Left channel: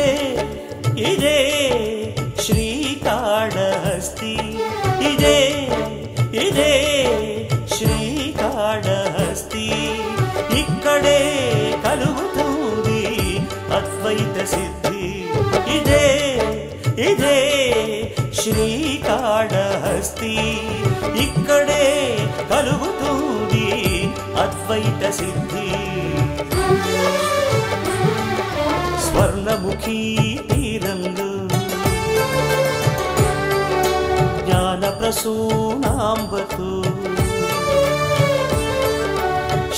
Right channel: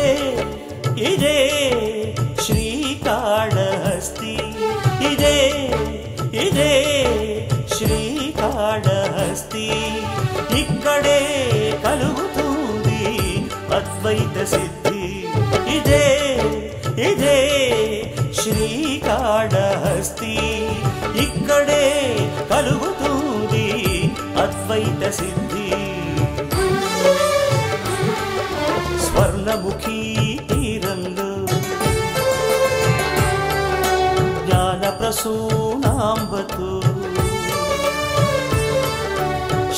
ఇదే ఇదే శ్రీకాళహస్తి ఇదే ఇదే శ్రీకాళహస్తి ఇక్కడే కలుగుతుంది అద్వైత సిద్ధి ఇదే ఇదే శ్రీకాళహస్తి ఇక్కడే కలుగుతుంది అద్వైత సిద్ధి స్వర్ణముఖీ తీరంలో జ్ఞాన ప్రసూనాంబతో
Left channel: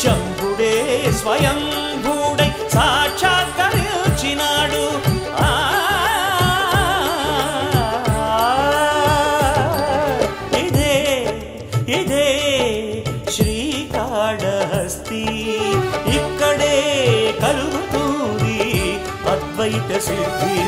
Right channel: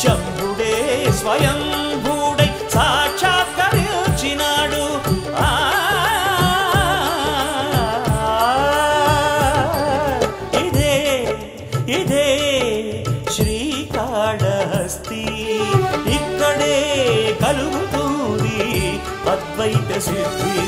శంభుడే స్వయంభూడై సాక్షాత్కరించినాడు ఇదే ఇదే శ్రీకాళహస్తి ఇక్కడే కలుగుతుంది అద్వైత సిద్ధి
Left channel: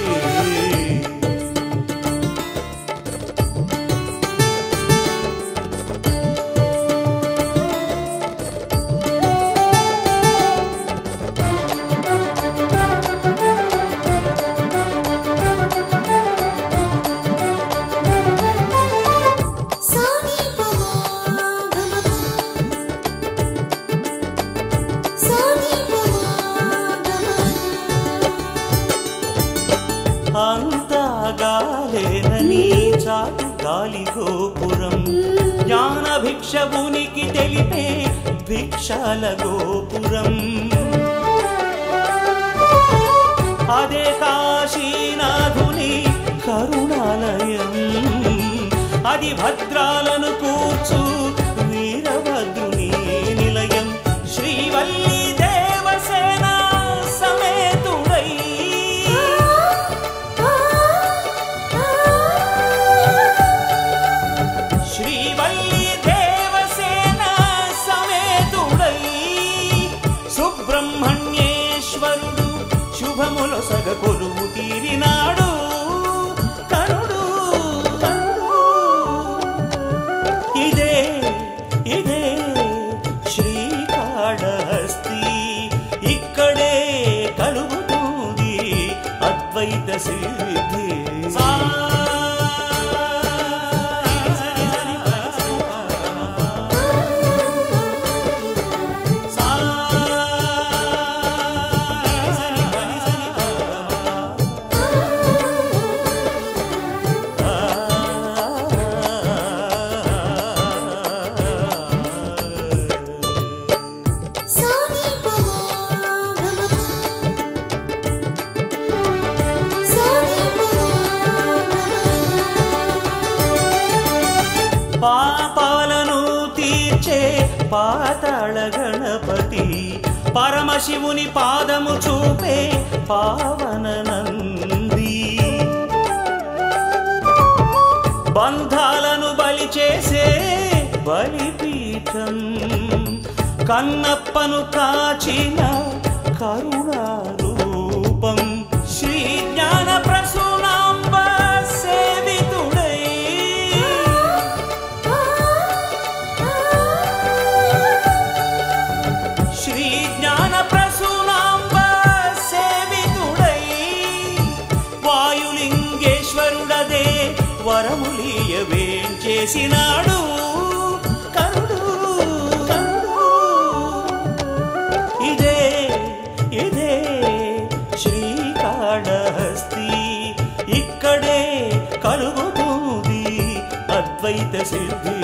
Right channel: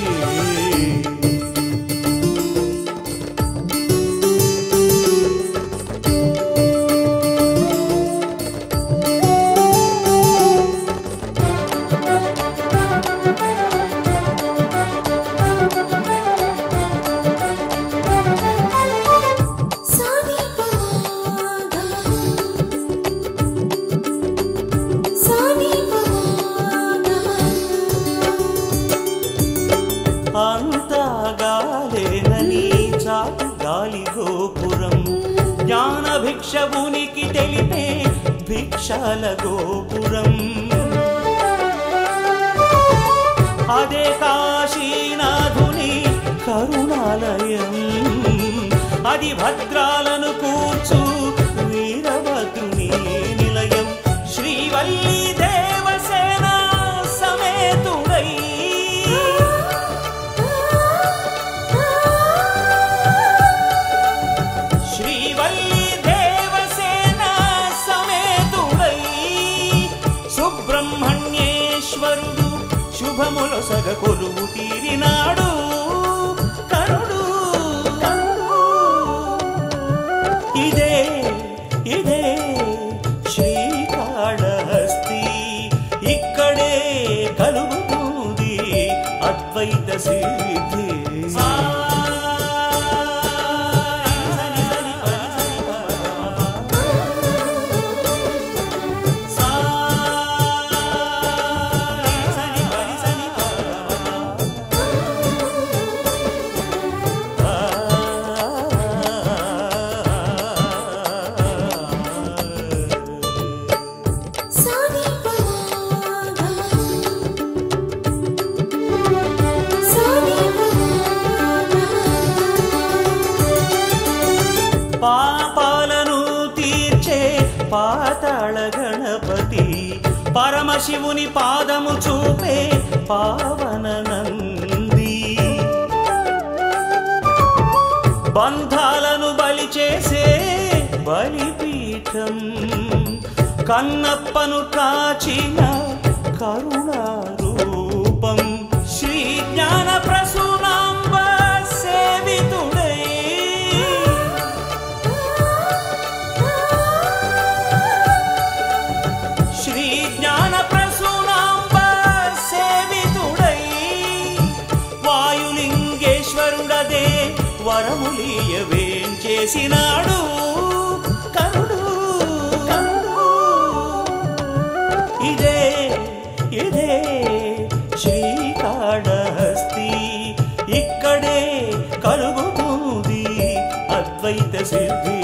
అంతా గాలేనని చాటు గాలి గోపురం జ్ఞాన భిక్షవునికి తెలిపే భిక్షాల గోపురం అదే కాశీనాథుని కరుణాలయం అది భద్రాలను కూర్చు వీరభద్రుని నిలయం శ్రీవల్లి దేవసేన సమేతుడై శ్రీవల్లి దేవసేన సమేతుడై సుబ్రహ్మణ్యేశ్వరుడు శుభములొసగ కొలువు తీరినాడు కరుడు ఇదే ఇదే శ్రీకాళహస్తి ఇక్కడే కలుగుతుంది అద్వైత సిద్ధి పాపాలను తీర్చే పాతాళ గణపతి పరమశివుని పాదము చూపే పావన నంది బంధాలను బలి చేసే బలిపీఠం కన్నప్పను కాచిన కరుణారూపం శ్రీ జ్ఞాన ప్రసూనాంబ సేవితుడై శ్రీ జ్ఞాన ప్రసూనాంబ సేవితుడై వాయులింగేశ్వరుడదే వరములీయవేం చేసినాడు కరుడు ఇదే ఇదే శ్రీకాళహస్తి ఇక్కడే కలుగుతుంది అద్వైత సిద్ధి